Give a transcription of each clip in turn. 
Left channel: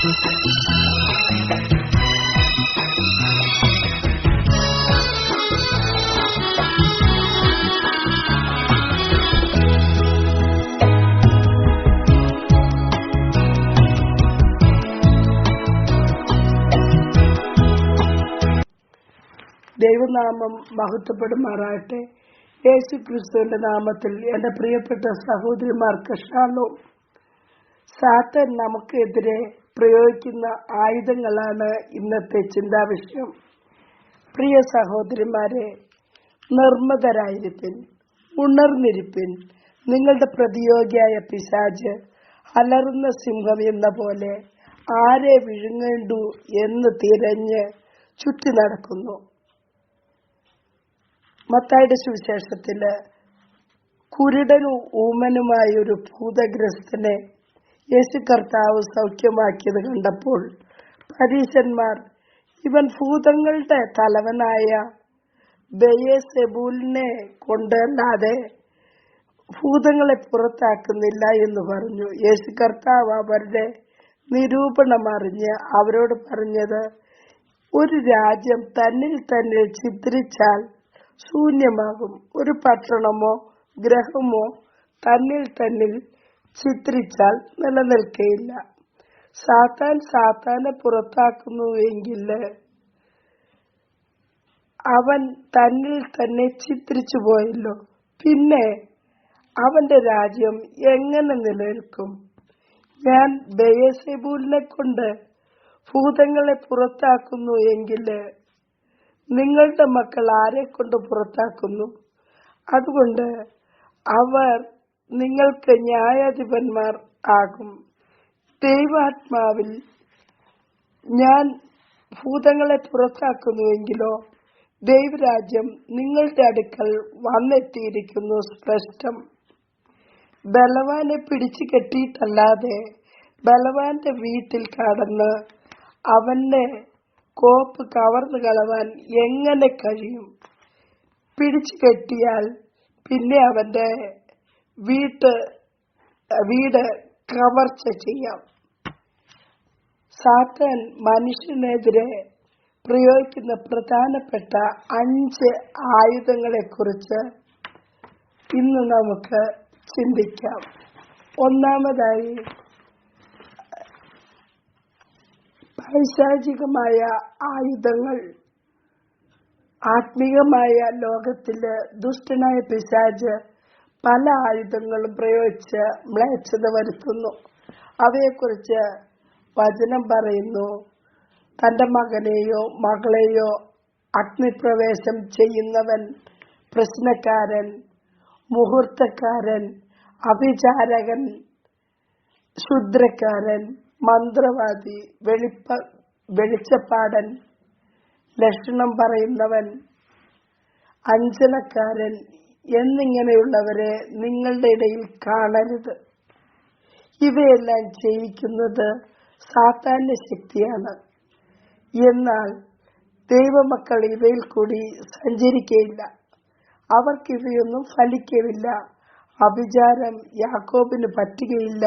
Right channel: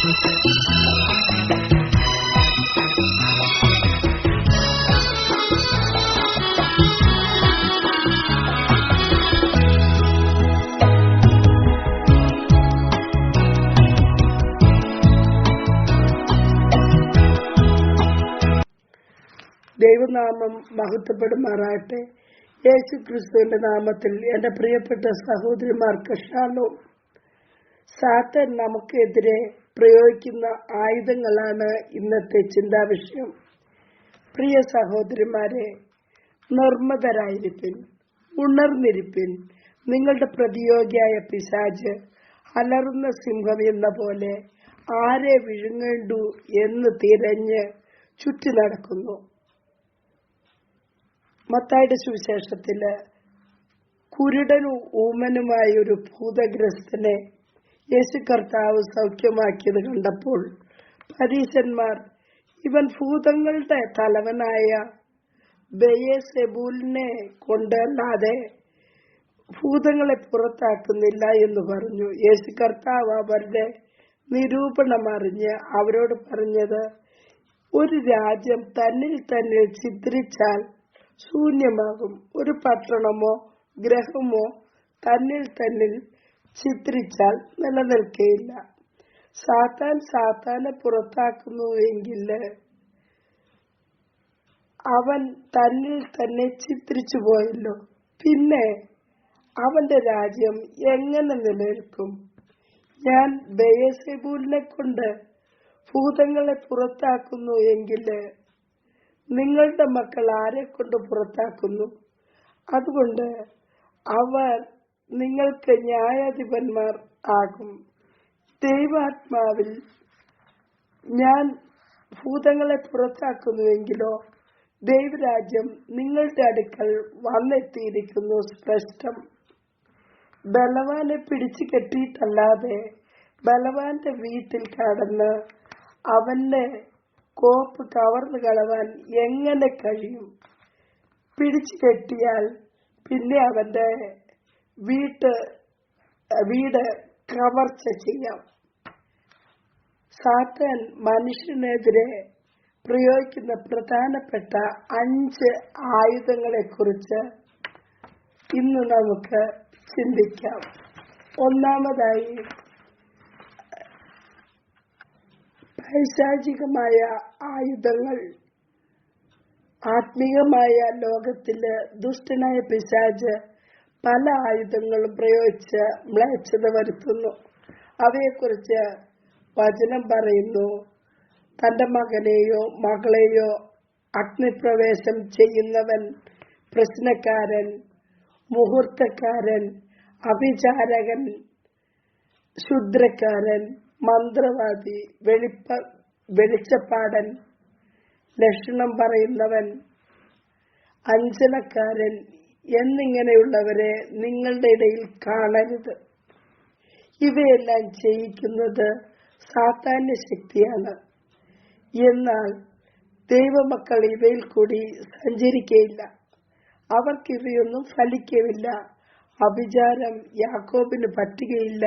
ദൈവനാമം മഹത്വപ്പെടുമാറാകട്ടെ. യേശു ക്രിസ്തുവിന്റെ നാമത്തിൽ എന്റെ പ്രിയപ്പെട്ട സഹോദരിമാർക്ക് ഷാലോം. സാത്താൻ നമുക്കെതിരെ പ്രയോഗിക്കുന്ന ആയുധങ്ങളാണ് ഇന്നത്തെ ചിന്താവിഷയം. പ്രിയ സഹോദരിമാരെ, നിർമ്മതരായിരിപ്പിൻ, ഉണർന്നിരിപ്പിൻ. നിങ്ങളുടെ പ്രതിയോഗിയായ പിശാച് അലറുന്ന സിംഹം എന്ന പോലെ ആരെ വിഴുങ്ങേണ്ടു എന്ന് തിരഞ്ഞ് ചുറ്റി നടക്കുന്നു. മത്തായിയുടെ സുവിശേഷത്തില് കുരുടനും ഊമനുമായ ഒരു ഭൂതഗ്രസ്തനെ യേശു കർത്താവ് സൗഖ്യമാക്കിയത് കണ്ടപ്പോൾ പരീശന്മാർ ഇവൻ ഭൂതങ്ങളുടെ തലവനായ ബെയസെബൂലിനെ കൊണ്ടല്ലാതെ ഭൂതങ്ങളെ പുറത്താക്കുന്നില്ല എന്ന് പറഞ്ഞു. യേശു കർത്താവ് അവരുടെ നിരൂപണം അറിഞ്ഞ് അവരോട് പറഞ്ഞത്, ഒരു രാജ്യം തന്നിൽ തന്നെ ചിത്രിച്ചാൽ ശൂന്യമാകും. ഒരു പട്ടണമോ ഗ്രഹമോ തന്നിൽ ചിത്രിച്ചാൽ നിലനിൽക്കയില്ല. സാത്താൻ സാത്താനെ പുറത്താക്കുന്നുവെങ്കിൽ അവൻ തന്നിൽ തന്നെ ചിത്രിച്ചു പോയല്ലോ, പിന്നെ അവന്റെ രാജ്യം എങ്ങനെ നിലനിൽക്കും? ഞാൻ ബെയസെബൂലിനെ കൊണ്ട് ഭൂതങ്ങളെ പുറത്താക്കുന്നു എങ്കിൽ നിങ്ങളുടെ മക്കൾ ആരെ കൊണ്ട് പുറത്താക്കുന്നു? അതുകൊണ്ട് അവർ നിങ്ങൾക്ക് ന്യായാധിപന്മാർ ആകും. ദൈവാത്മാവിൽ ഞാൻ ഭൂതങ്ങളെ പുറത്താക്കുന്നുവെങ്കിലോ ദൈവരാജ്യം നിങ്ങളുടെ അടുക്കൽ വന്നെത്തിയിരിക്കുന്നു സ്പഷ്ടം. ബലവാനെ പിടിച്ചു കെട്ടിയിട്ടല്ലാതെ ബലവാന്റെ വീട്ടിൽ കടന്ന് അവന്റെ കോപ്പ് കവർന്നു കളവാൻ എങ്ങനെ കഴിയും? പിടിച്ചു കെട്ടിയാൽ പിന്നെ അവന്റെ വീട് കവർച്ച ചെയ്യാം. സാത്താൻ മനുഷ്യനെതിരെ പ്രയോഗിക്കുന്ന പ്രധാനപ്പെട്ട 5 ആയുധങ്ങളെ കുറിച്ച് ഇന്ന് നമുക്ക് ചിന്തിക്കാം. ഒന്നാമതായി, പൈശാചികമായ ആയുധങ്ങൾ. ആത്മീയമായ ലോകത്തില് ദുഷ്ടനായ പിശാച് പല ആയുധങ്ങളും പ്രയോഗിച്ച് മ്ലേച്ഛത വരുത്തുന്നു. അവയെക്കുറിച്ച് വചനം പറയുന്നു, തന്റെ മകനെയോ മകളെയോ അഗ്നിപ്രവേശം ചെയ്യുന്നവൻ, പ്രശ്നക്കാരൻ, മുഹൂർത്തക്കാരൻ, അഭിചാരകൻ, ക്ഷുദ്രക്കാരൻ, മന്ത്രവാദി, വെളിച്ചപ്പാടൻ, ലക്ഷണം പറയുന്നവൻ, അഞ്ജനക്കാരൻ എന്നിങ്ങനെയുള്ളവരെ നിങ്ങളുടെ ഇടയിൽ കാണരുത്. ഇവയെല്ലാം ചെയ്യിക്കുന്നത് സാത്താന്യ ശക്തിയാണ്. എന്നാൽ ദൈവമക്കൾ ഇവയിൽ കൂടി സഞ്ചരിക്കയില്ല. അവർക്ക് ഇവയൊന്നും ഫലിക്കവില്ല. അഭിചാരം യാക്കോബിന് പറ്റുകയില്ല.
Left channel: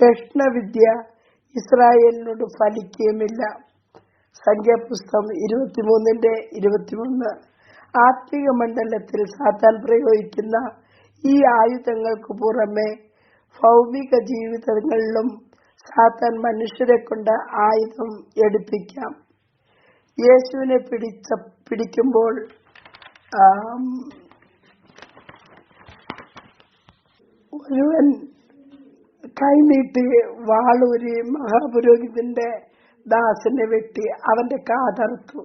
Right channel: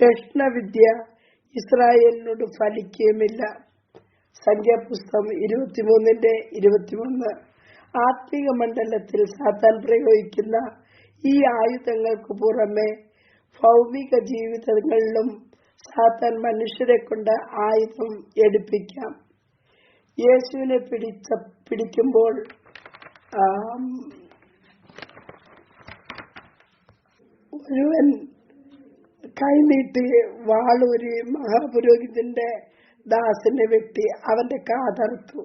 ലക്ഷണവിദ്യ ഇസ്രായേലിനോട് ഫലിക്കുകയുമില്ല. സംഖ്യാപുസ്തകം 23:23. ആത്മീക മണ്ഡലത്തിൽ സാത്താൻ പ്രയോഗിക്കുന്ന ഈ ആയുധങ്ങൾക്ക് പുറമെ ഭൗമിക ജീവിതങ്ങളിലും സാത്താൻ മനുഷ്യരെ കൊണ്ട് ആയുധം എടുപ്പിക്കാം. യേശുവിനെ പിടിക്കുമ്പോൾ ഒരുവൻ കൈനീട്ടി വാളൂരി മഹാപുരോഹിതന്റെ ദാസനെ വെട്ടി അവന്റെ കാതറുത്തു.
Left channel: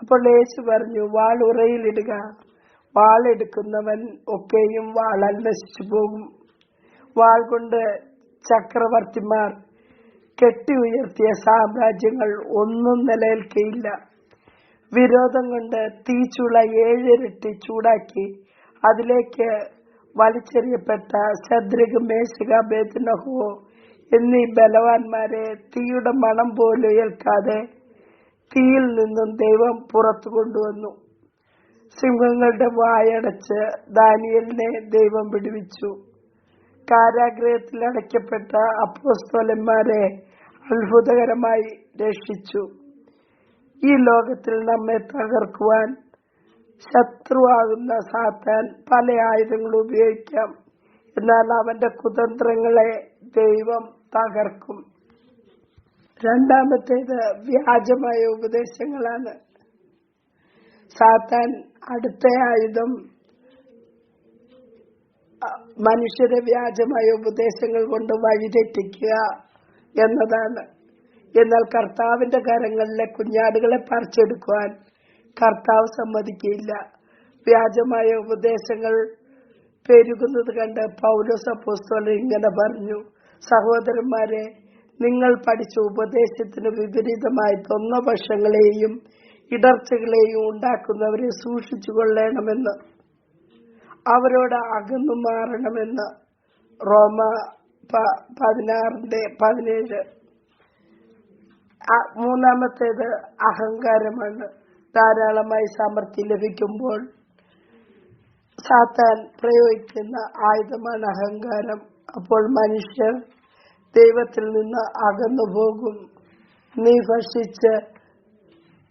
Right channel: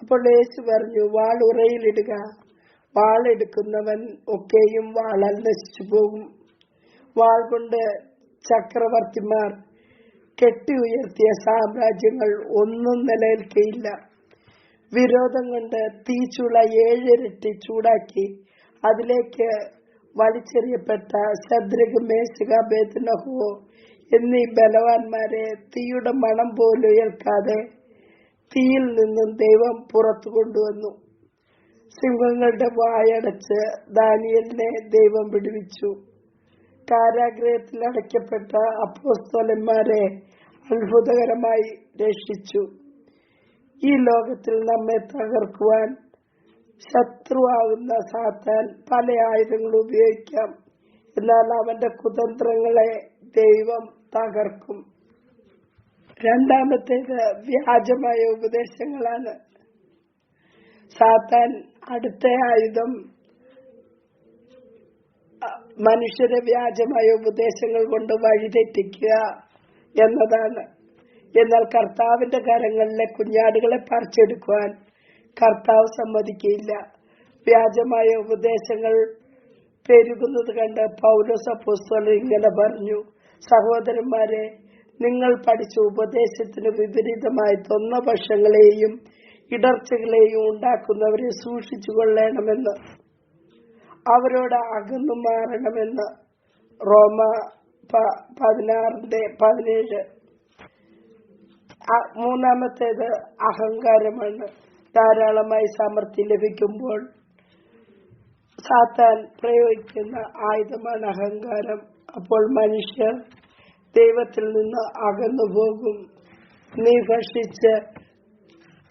അപ്പോൾ യേശു പറഞ്ഞു, വാൾ ഉറയിലിടുക. വാളെടുക്കുന്നവൻ ഒക്കെയും വാളാൽ നശിച്ചു പോകും. വാൾ കൊണ്ട് ചക്രവർത്തിമാർ കെട്ടി ഉയർത്തിയ സാമ്രാജ്യങ്ങൾ ഒന്നും നിലനിൽക്കയില്ല. വിരോധം കൊണ്ട് തീച്ചുള 7 ഇരട്ടി ചൂടാക്കി അതിലേക്ക് വലിച്ചെറിയപ്പെട്ട ശദ്രക്, മേശക്, അബേദ്നെഗോ എന്നീ ബലവാന്മാരെ തീയുടെ മണം പോലും ഏൽക്കാതെ തീയിൽ നിന്നും ദൈവം പുറത്തു കൊണ്ടുവന്നു. സിംഹങ്ങളുടെ വായടച്ച് ദാനിയേലിനെ ദൈവം വിടുവിച്ചു. കാരാഗൃഹത്തിൽ അടയ്ക്കപ്പെട്ട അപ്പോസ്തലന്മാരെ അത്ഭുതകരമായി രക്ഷിച്ചു. ഈ ലോകത്തിൽ നമ്മെ തകർക്കുവാൻ ശത്രുവാകുന്ന സാത്താൻ പല ആയുധങ്ങളും ഉപയോഗിക്കാം. എന്നാൽ അവന്റെ കുതന്ത്രങ്ങളെ ദൈവം തകർക്കും. രണ്ടാമത്തേത് വ്യാജമായ ഉപദേശങ്ങളാണ്. സാത്താൻ അടുത്ത ആയുധം മനുഷ്യരെ വ്യാജമായ ഉപദേശങ്ങൾ കൊണ്ട് വഴിതെറ്റിക്കുക എന്നതാണ്. എന്നാൽ കർത്താവിന്റെ കരങ്ങളിലെ കുഞ്ഞാടുകളെ പറിച്ചെടുക്കുവാൻ കർത്താവ് സമ്മതിക്കില്ല. വ്യാജമായ ഉപദേശങ്ങൾ പെരുകുന്നത് കണ്ട് പൗലോസ് അപ്പോസ്തലൻ ഇങ്ങനെ പറഞ്ഞു, സഹോദരന്മാരെ, നിങ്ങൾ പഠിച്ച ഉപദേശത്തിന് വിപരീതമായി തൊന്നപക്ഷങ്ങളെയും ഇടർച്ചകളെയും ഉണ്ടാക്കുന്നവരെ സൂക്ഷിച്ചു കൊള്ളണമെന്ന്, അവരോട് അകന്നു മാറണമെന്ന്. റോമ 16:17. മൂന്നാമത്തേത് അഹങ്കാരമാണ്. ധാരാളമായി സമൃദ്ധി ലഭിക്കുമ്പോൾ സാത്താൻ പ്രയോഗിക്കുന്ന ആയുധമാണ് അഹങ്കാരം. അപ്പോൾ മനുഷ്യർ ദൈവത്തിൽ നിന്ന് അകന്നു പോകും. നീ ഭക്ഷിച്ച്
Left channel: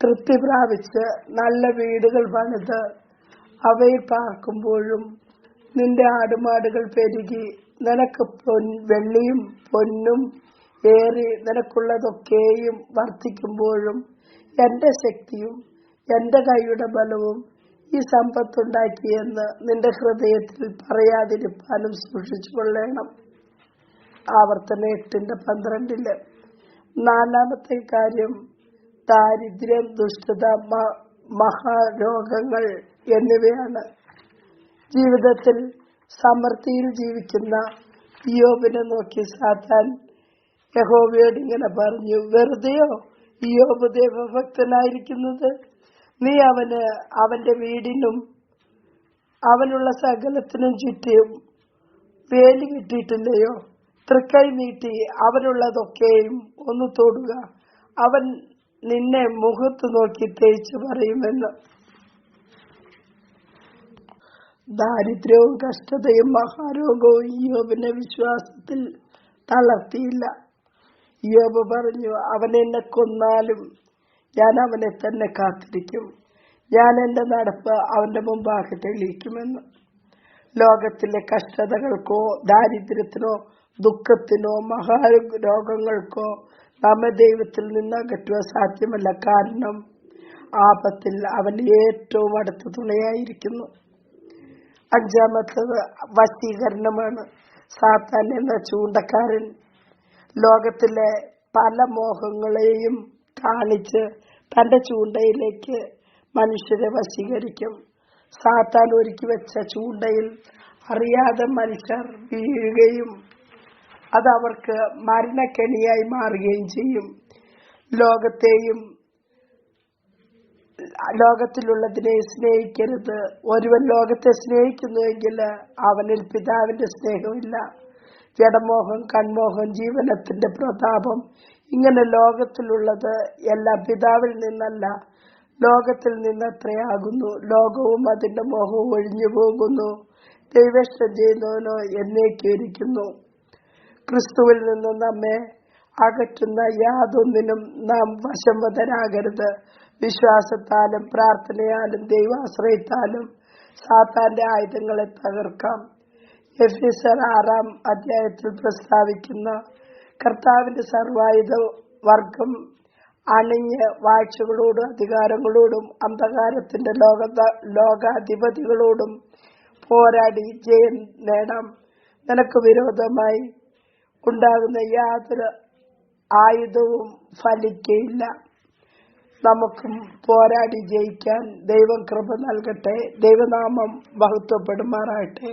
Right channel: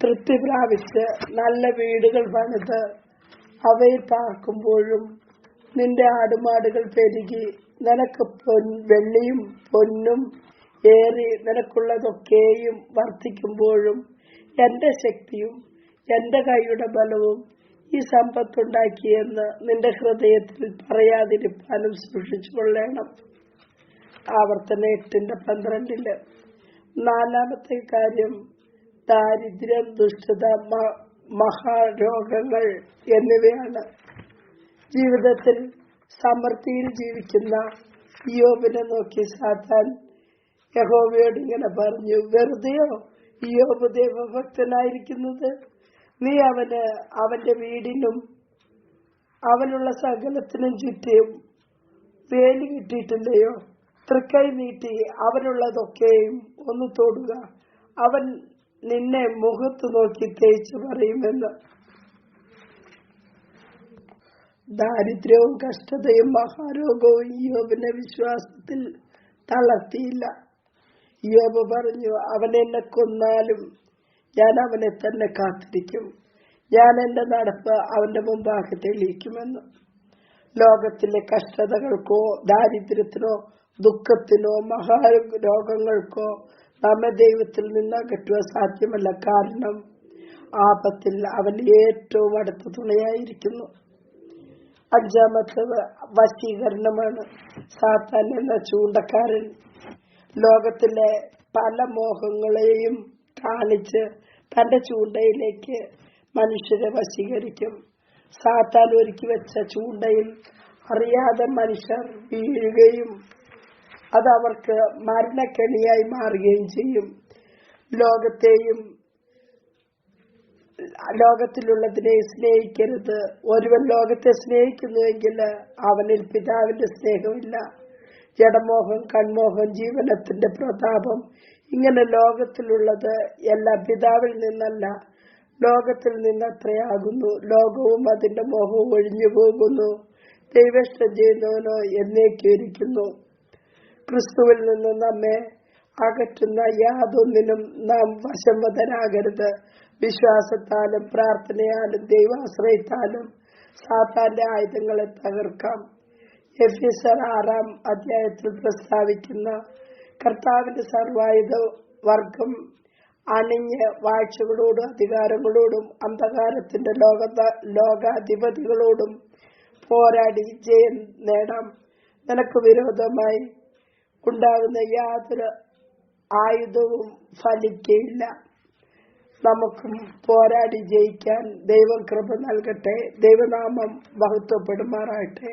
തൃപ്തി പ്രാപിച്ച് നല്ല വീടുകൾ പണിത് അവയിൽ പാർക്കുമ്പോഴും നിന്റെ ആടുമാടുകൾ പെരുകി നിനക്ക് വെള്ളിയും പൊന്നും ഏറി നിനക്കുള്ളതൊക്കെയും വർദ്ധിക്കുമ്പോഴും എന്റെ ശക്തിയും എന്റെ കൈയുടെ ബലവും ഈ സമ്പത്തുണ്ടാക്കിയെന്ന് നിന്റെ ഹൃദയത്തിൽ പറയാതിരിപ്പാനും സൂക്ഷിച്ചു കൊള്ളണം. ആവർത്തനം 8:12. നാലാമത്തെ കാര്യം ദാരിദ്ര്യം, ദുഷ്ടത, മഹാരോഗങ്ങൾ എന്നിവയാണ്. ജീവിതത്തിൽ സമൃദ്ധിയിൽ ജീവിക്കുന്ന ഇയ്യോബിനെ നോക്കി സാത്താൻ യഹോവയോട് ഇങ്ങനെ പറഞ്ഞു, വെറുതെയോ ഇയ്യോബ് ദൈവഭക്തനായിരിക്കുന്നത്? നീ അവന്റെ വീടിനും അവനുള്ള സകലത്തിനും ചുറ്റും വേലി കിട്ടിയിട്ടില്ലയോ? തൃക്കൈ നീട്ടി അവനുള്ളതൊക്കെയും ഒന്ന് തൊടുക, അവൻ നിന്നെ മുഖത്ത് നോക്കി തേച്ചു പറയുമെന്ന്. ദാരിദ്ര്യവും കഷ്ടതയും മഹാരോഗവും ഇയ്യോബിനെ വിശ്വാസത്തിൽ തളർത്തിയില്ല. ഇയ്യോബ് പറഞ്ഞു, അവൻ എന്നെ കൊന്നാലും ഞാൻ അവനെ തന്നെ കാത്തിരിക്കും, ഞാൻ എന്റെ നടപ്പ് അവന്റെ മുമ്പാകെ തെളിയിക്കുമെന്ന്. ലോകത്തിലെ കഷ്ടതകൾക്കോ ദാരിദ്ര്യത്തിനോ ദുഃഖത്തിനോ മഹാരോഗങ്ങൾക്കോ നമ്മെ ദൈവത്തിൽ നിന്ന് അകറ്റുവാൻ സാധ്യമല്ല. കാരണം ആപത്തിൽ അവൻ ഏറ്റവും അടുത്ത തുണയായിരിക്കുന്നു. അഞ്ചാമത്തത് വശീകരണമാണ്. സാത്താൻ എന്ന ചൂണ്ടക്കാരൻ ലോകത്തിലെ പല മോഹങ്ങളെയും കാണിച്ച് തന്റെ ചൂണ്ടയിലേക്ക് മനുഷ്യരെ വശീകരിക്കും. സാത്താൻ ഒരുക്കി വെച്ച ചൂണ്ടയിൽ അറിയാതെ മനുഷ്യർ വീഴുകയും അത് അവർക്ക് മരണക്കെണിയായി മാറുകയും ചെയ്യും. ലോകത്തിലുള്ളതിനെ സ്നേഹിക്കരുത്. ഒരുവൻ ലോകത്തെ സ്നേഹിക്കുന്നുവെങ്കിൽ അവനിൽ പിതാവിന്റെ സ്നേഹമില്ല. ജഡമോഹം, കൺമോഹം, ജീവനത്തിന്റെ പ്രതാപം, ഇങ്ങനെ ലോകത്തിലുള്ളത് എല്ലാം പിതാവിൽ നിന്നല്ല, ലോകത്തിൽ നിന്നത്രയാകുന്നു. ലോകവും അതിന്റെ മോഹവും ഒഴിഞ്ഞു പോകുന്നു, ദൈവേഷ്ടം ചെയ്യുന്നവനോ എന്നേക്കും ഇരിക്കുന്നു. ക്രിസ്തുവിൽ നിന്ന് നമ്മെ അകറ്റുന്ന യാതൊന്നിനും നാം വശംവദരാകരുത്. വിശ്വാസത്താലും പ്രാർത്ഥനയാലും ദൈവാശ്രയത്താലും സാത്താന്റെ ആയുധങ്ങളെ തകർക്കാം. എഫെസ്യർ 6 പ്രസ്താവിക്കുന്ന കർത്താവിന്റെ സർവായുധ വർഗം അണിഞ്ഞ് വാഴ്ചകളോടും അധികാരങ്ങളോടും അന്ധകാരത്തിന്റെ ലോകാധിപതികളോടും പോരാടി ജയം നേടാം. നിനക്ക് വിരോധമായി ഉണ്ടാകുന്ന യാതൊരു ആയുധവും ഫലിക്കയില്ല. നമുക്കും പോരാടി ജയിക്കാൻ ദൈവം കൃപ നൽകട്ടെ. ദൈവനാമം മഹത്വപ്പെടുമാറാകട്ടെ.